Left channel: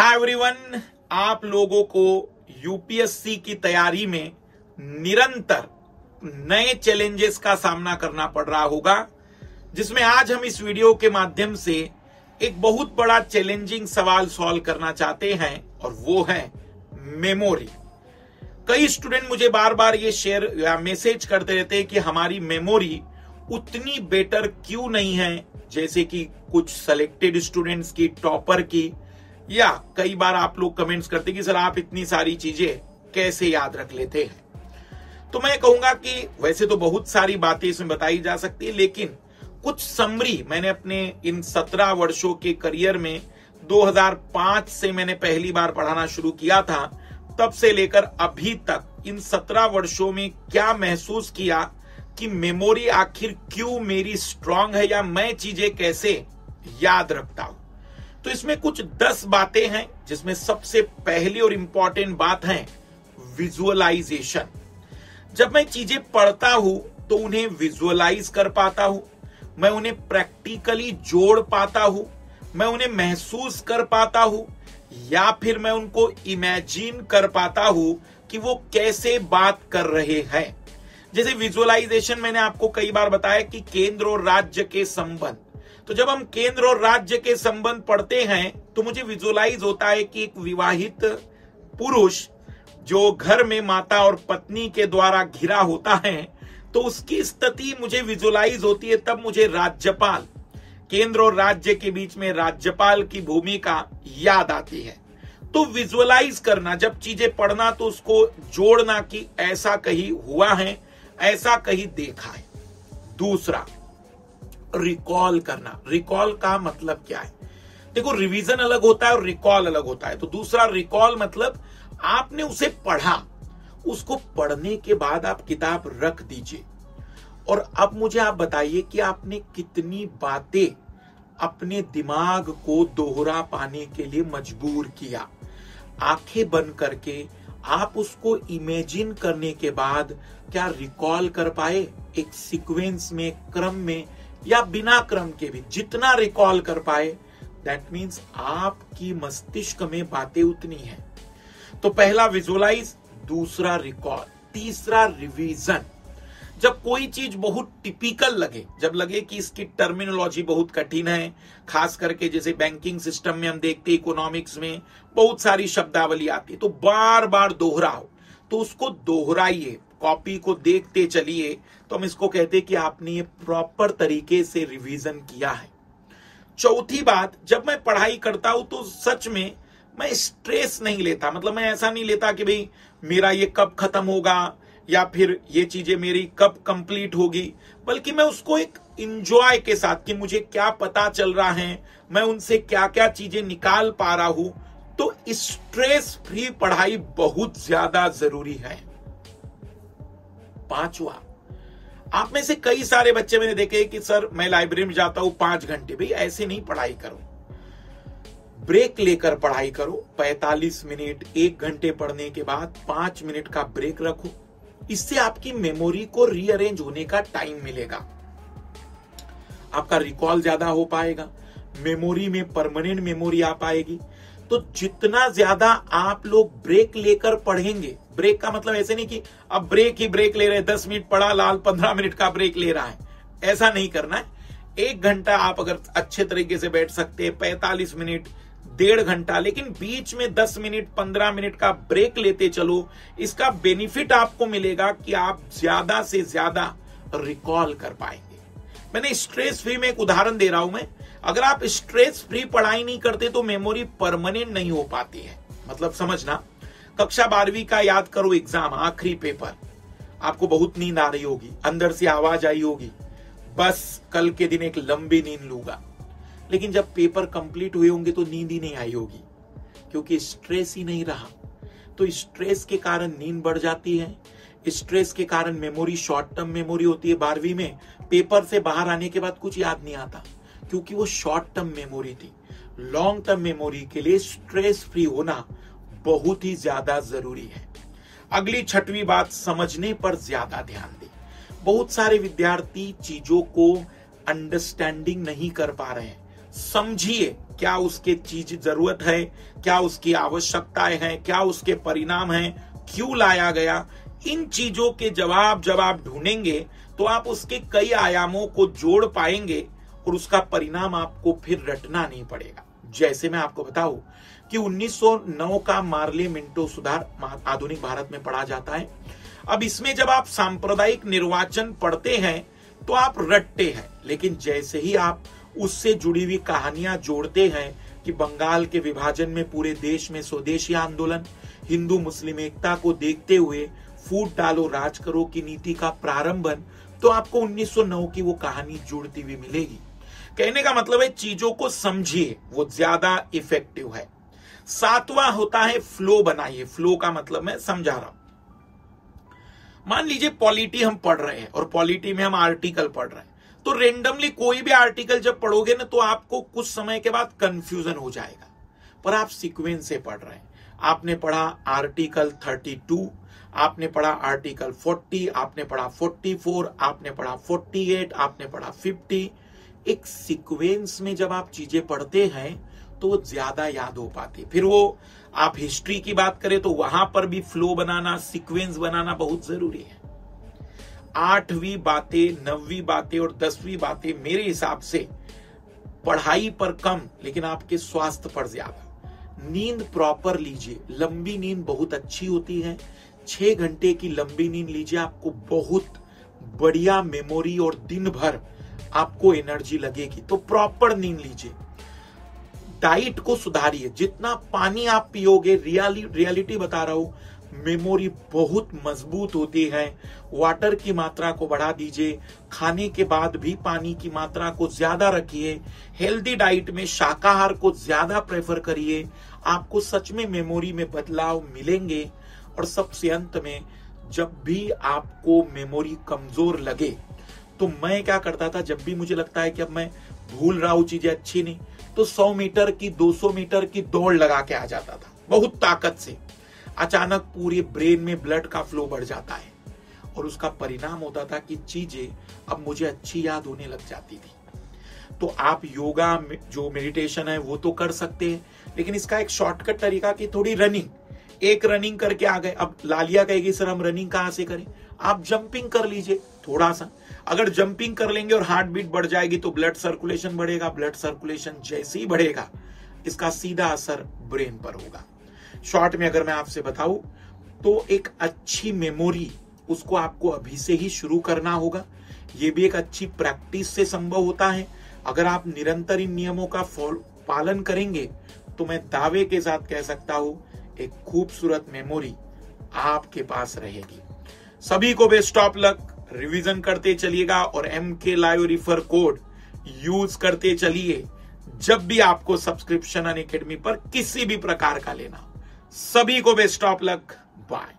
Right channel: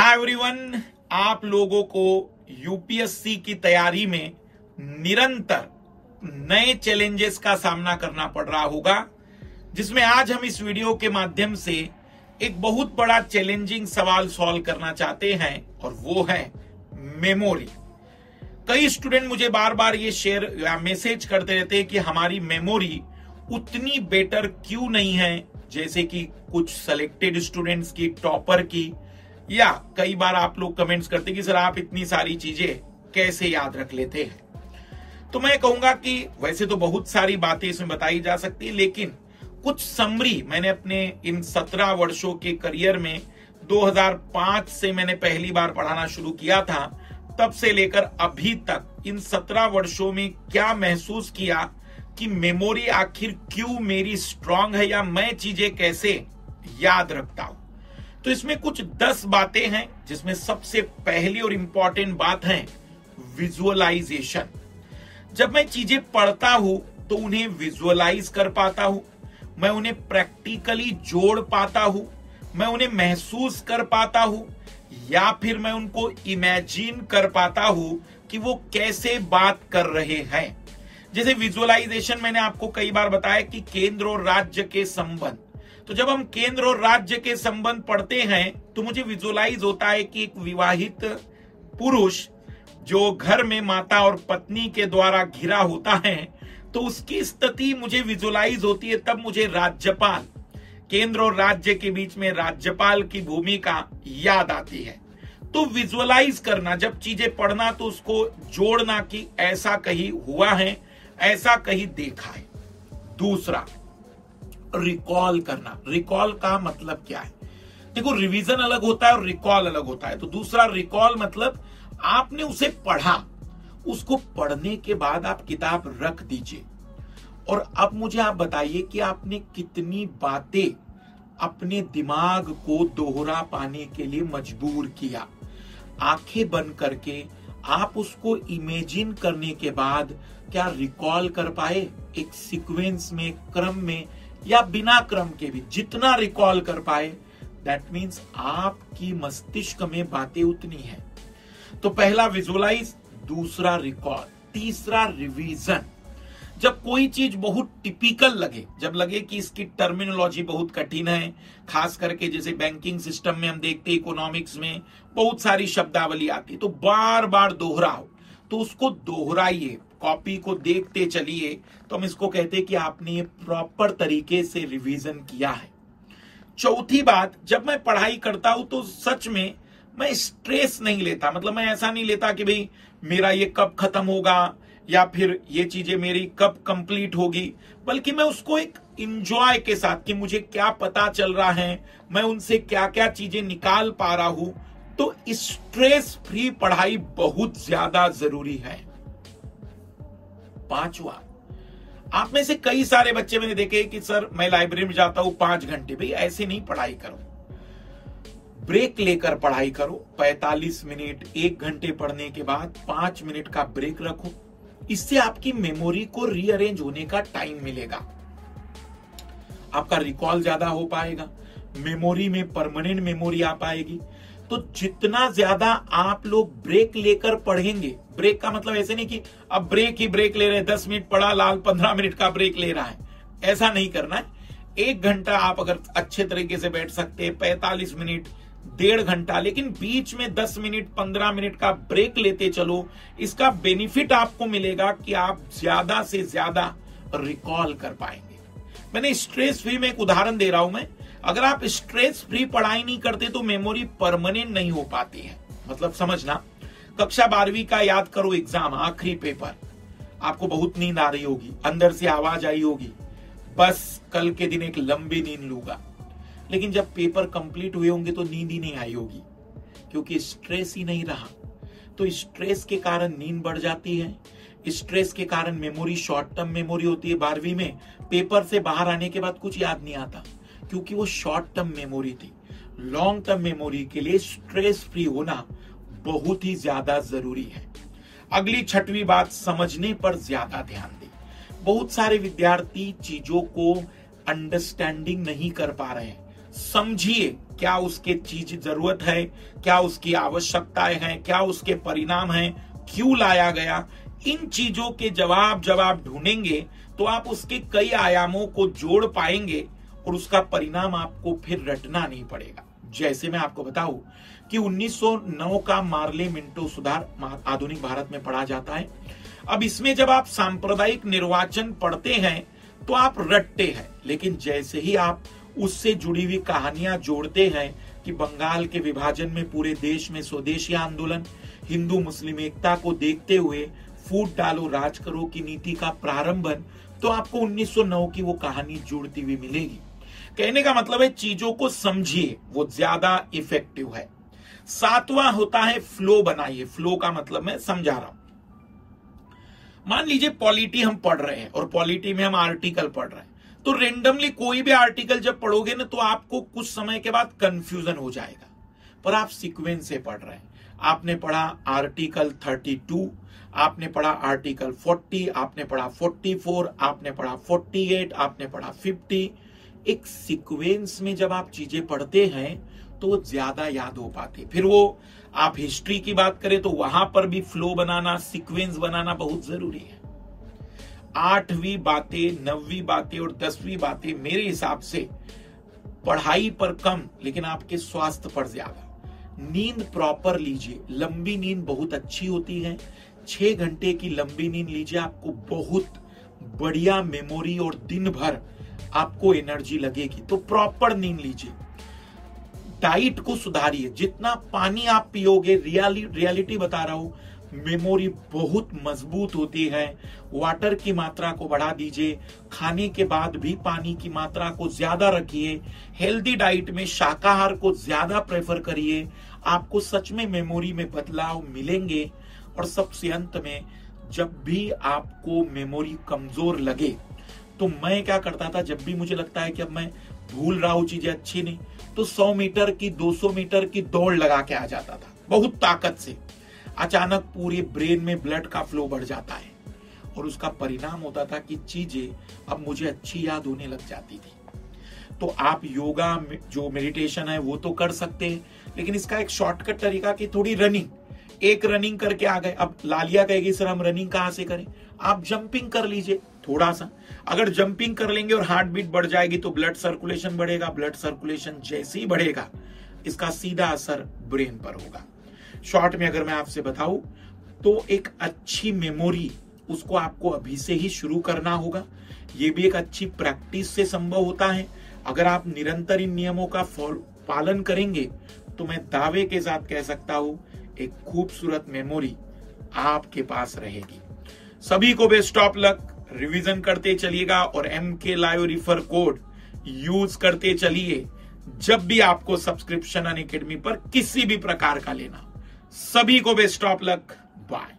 Hi everyone, आप लोगों को यूपीएससी की तैयारी में निरंतर नए चैलेंजेस का सामना करना पड़ रहा होगा, जिसमें आज हम इस वीडियो के माध्यम से एक बहुत बड़ा चैलेंजिंग सवाल सॉल्व करना चाहते हैं और वो है मेमोरी। कई स्टूडेंट मुझे बार बार ये शेयर या मैसेज करते रहते हैं कि हमारी मेमोरी उतनी बेटर क्यों नहीं है जैसे कि कुछ सेलेक्टेड स्टूडेंट्स की, टॉपर की, या कई बार आप लोग कमेंट्स करते कि सर आप इतनी सारी चीजें कैसे याद रख लेते हैं। तो मैं कहूंगा कि वैसे तो बहुत सारी बातें इसमें बताई जा सकती है, लेकिन कुछ समरी मैंने अपने इन 17 वर्षों के करियर में 2005 से मैंने पहली बार पढ़ाना शुरू किया था, तब से लेकर अभी तक इन 17 वर्षों में क्या महसूस किया कि मेमोरी आखिर क्यों मेरी स्ट्रांग है या मैं चीजें कैसे याद रखता हूं। तो इसमें कुछ 10 बातें हैं, जिसमें सबसे पहली और इंपॉर्टेंट बात है विजुअलाइजेशन। जब मैं चीजें पढ़ता हूं तो उन्हें विजुअलाइज कर पाता हूं, मैं उन्हें प्रैक्टिकली जोड़ पाता हूं, मैं उन्हें महसूस कर पाता हूं, या फिर मैं उनको इमेजिन कर पाता हूं कि वो कैसे बात कर रहे हैं। जैसे विजुअलाइजेशन मैंने आपको कई बार बताया कि केंद्र और राज्य के संबंध, तो जब हम केंद्र और राज्य के संबंध पढ़ते हैं तो मुझे विजुअलाइज होता है कि एक विवाहित पुरुष जो घर में माता और पत्नी के द्वारा घिरा होता है, तो उसकी स्थिति मुझे विजुअलाइज होती है। तब मुझे राज्यपाल, केंद्र और राज्य के बीच में राज्यपाल की भूमिका याद आती है। तो विजुअलाइज करना, जब चीजें पढ़ना तो उसको जोड़ना कि ऐसा कहीं हुआ है, ऐसा कहीं देखा है। दूसरा, रिकॉल करना। रिकॉल का मतलब क्या है? देखो, रिवीजन अलग होता है और रिकॉल अलग होता है। तो दूसरा, रिकॉल मतलब आपने उसे पढ़ा, उसको पढ़ने के बाद आप किताब रख दीजिए और अब मुझे आप बताइए कि आपने कितनी बातें अपने दिमाग को दोहरा पाने के लिए मजबूर किया। आंखें बंद करके आप उसको इमेजिन करने के बाद क्या रिकॉल कर पाए? एक सीक्वेंस में, क्रम में या बिना क्रम के भी जितना रिकॉल कर पाए, दैट मीन्स आपकी मस्तिष्क में बातें उतनी हैं। तो पहला विजुअलाइज, दूसरा रिकॉल, तीसरा रिवीजन। जब कोई चीज बहुत टिपिकल लगे, जब लगे कि इसकी टर्मिनोलॉजी बहुत कठिन है, खास करके जैसे बैंकिंग सिस्टम में हम देखते हैं, इकोनॉमिक्स में बहुत सारी शब्दावली आती है, तो बार बार दोहराओ, तो उसको दोहराइए, कॉपी को देखते चलिए। तो हम इसको कहते हैं कि आपने ये प्रॉपर तरीके से रिवीजन किया है। चौथी बात, जब मैं पढ़ाई करता हूं तो सच में मैं स्ट्रेस नहीं लेता। मतलब मैं ऐसा नहीं लेता कि भाई मेरा ये कब खत्म होगा या फिर ये चीजें मेरी कब कंप्लीट होगी, बल्कि मैं उसको एक इंजॉय के साथ कि मुझे क्या पता चल रहा है, मैं उनसे क्या क्या चीजें निकाल पा रहा हूं। तो स्ट्रेस फ्री पढ़ाई बहुत ज्यादा जरूरी है। पांचवा, आप में से कई सारे बच्चे मैंने देखे कि सर मैं लाइब्रेरी में जाता हूं 5 घंटे। भाई ऐसे नहीं पढ़ाई करो, ब्रेक लेकर पढ़ाई करो। 45 मिनट, 1 घंटे पढ़ने के बाद 5 मिनट का ब्रेक रखो। इससे आपकी मेमोरी को रीअरेंज होने का टाइम मिलेगा, आपका रिकॉल ज्यादा हो पाएगा, मेमोरी में परमानेंट मेमोरी आ पाएगी। तो जितना ज्यादा आप लोग ब्रेक लेकर पढ़ेंगे, ब्रेक का मतलब ऐसे नहीं कि अब ब्रेक ही ब्रेक ले रहे हैं, 10 मिनट पढ़ा, लाल 15 मिनट का ब्रेक ले रहा है, ऐसा नहीं करना है। 1 घंटा आप अगर अच्छे तरीके से बैठ सकते हैं, 45 मिनट, 1.5 घंटा, लेकिन बीच में 10 मिनट 15 मिनट का ब्रेक लेते चलो। इसका बेनिफिट आपको मिलेगा कि आप ज्यादा से ज्यादा रिकॉल कर पाएंगे। मैंने स्ट्रेस फ्री में एक उदाहरण दे रहा हूं मैं। अगर आप स्ट्रेस फ्री पढ़ाई नहीं करते तो मेमोरी परमानेंट नहीं हो पाती है। मतलब समझना, कक्षा 12वीं का याद करो एग्जाम, आखिरी पेपर, आपको बहुत नींद आ रही होगी, अंदर से आवाज आई होगी, बस कल के दिन एक लंबी नींद लूंगा। लेकिन जब पेपर कंप्लीट हुए होंगे तो नींद ही नहीं आई होगी, क्योंकि स्ट्रेस ही नहीं रहा। तो स्ट्रेस के कारण नींद बढ़ जाती है, स्ट्रेस के कारण मेमोरी शॉर्ट टर्म मेमोरी होती है। 12वीं में पेपर से बाहर आने के बाद कुछ याद नहीं आता, क्योंकि वो शॉर्ट टर्म मेमोरी थी। लॉन्ग टर्म मेमोरी के लिए स्ट्रेस फ्री होना बहुत ही ज्यादा जरूरी है। अगली 6वीं बात, समझने पर ज्यादा ध्यान दें। बहुत सारे विद्यार्थी चीजों को अंडरस्टैंडिंग नहीं कर पा रहे हैं, समझिए क्या उसके चीज जरूरत है, क्या उसकी आवश्यकताएं हैं, क्या उसके परिणाम हैं, क्यों लाया गया। इन चीजों के जवाब जब आप ढूंढेंगे तो आप उसके कई आयामों को जोड़ पाएंगे और उसका परिणाम आपको फिर रटना नहीं पड़ेगा। जैसे मैं आपको बताऊं कि 1909 का मार्ले मिंटो सुधार आधुनिक भारत में पढ़ा जाता है। अब इसमें जब आप सांप्रदायिक निर्वाचन पढ़ते हैं तो आप रटते हैं, लेकिन जैसे ही आप उससे जुड़ी हुई कहानियां जोड़ते हैं कि बंगाल के विभाजन में पूरे देश में स्वदेशी आंदोलन, हिंदू मुस्लिम एकता को देखते हुए फूट डालो राज करो की नीति का प्रारंभन, तो आपको 1909 की वो कहानी जुड़ती हुई मिलेगी। कहने का मतलब है चीजों को समझिए, वो ज्यादा इफेक्टिव है। 7वां होता है फ्लो बनाइए। फ्लो का मतलब मैं समझा रहा हूं। मान लीजिए पॉलिटी हम पढ़ रहे हैं और पॉलिटी में हम आर्टिकल पढ़ रहे हैं, तो रेंडमली कोई भी आर्टिकल जब पढ़ोगे ना तो आपको कुछ समय के बाद कंफ्यूजन हो जाएगा, पर आप सीक्वेंस से पढ़ रहे हैं। आपने पढ़ा आर्टिकल 32, आपने पढ़ा आर्टिकल 40, आपने पढ़ा 44, आपने पढ़ा 48, आपने पढ़ा 50। एक सीक्वेंस में जब आप चीजें पढ़ते हैं तो ज्यादा याद हो पाती। फिर वो आप हिस्ट्री की बात करें तो वहां पर भी फ्लो बनाना, सीक्वेंस बनाना बहुत जरूरी है। 8वीं बातें, 9वीं बातें और 10वीं बातें मेरे हिसाब से पढ़ाई पर कम लेकिन आपके स्वास्थ्य पर ज्यादा। नींद प्रॉपर लीजिए, लंबी नींद बहुत अच्छी होती है। 6 घंटे की लंबी नींद लीजिए, आपको बहुत बढ़िया मेमोरी और दिन भर आपको एनर्जी लगेगी। तो प्रॉपर नींद लीजिए। डाइट को सुधारिए, जितना पानी आप पियोगे, रियलिटी बता रहा हूं, मेमोरी बहुत मजबूत होती है। वाटर की मात्रा को बढ़ा दीजिए, खाने के बाद भी पानी की मात्रा को ज्यादा रखिए। हेल्दी डाइट में शाकाहार को ज्यादा प्रेफर करिए, आपको सच में मेमोरी में बदलाव मिलेंगे। और सबसे अंत में, जब भी आपको मेमोरी कमजोर लगे तो मैं क्या करता था, जब भी मुझे लगता है कि अब मैं भूल रहा हूं, चीजें अच्छी नहीं, तो 100 मीटर की 200 मीटर की दौड़ लगा के आ जाता था बहुत ताकत से। अचानक पूरे ब्रेन में ब्लड का फ्लो बढ़ जाता है और उसका परिणाम होता था कि चीजें अब मुझे अच्छी याद होने लग जाती थी। तो आप योगा जो मेडिटेशन है वो तो कर सकते हैं, लेकिन इसका एक शॉर्टकट तरीका कि थोड़ी रनिंग, एक रनिंग करके आ गए। अब लालिया कहेगी सर हम रनिंग कहां से करें, आप जंपिंग कर लीजिए थोड़ा सा। अगर जंपिंग कर लेंगे और हार्ट बीट बढ़ जाएगी तो ब्लड सर्कुलेशन बढ़ेगा। ब्लड सर्कुलेशन जैसे ही बढ़ेगा इसका सीधा असर ब्रेन पर होगा। शॉर्ट में अगर मैं आपसे बताऊं तो एक अच्छी मेमोरी, उसको आपको अभी से ही शुरू करना होगा। ये भी एक अच्छी प्रैक्टिस से संभव होता है। अगर आप निरंतर इन नियमों का पालन करेंगे तो मैं दावे के साथ कह सकता हूं एक खूबसूरत मेमोरी आपके पास रहेगी। सभी को बेस्ट ऑफ लक। रिवीजन करते चलिएगा और MK live refer code use करते चलिए जब भी आपको सब्सक्रिप्शन अनअकैडमी पर किसी भी प्रकार का लेना। सभी को बेस्ट ऑफ लक। बाय।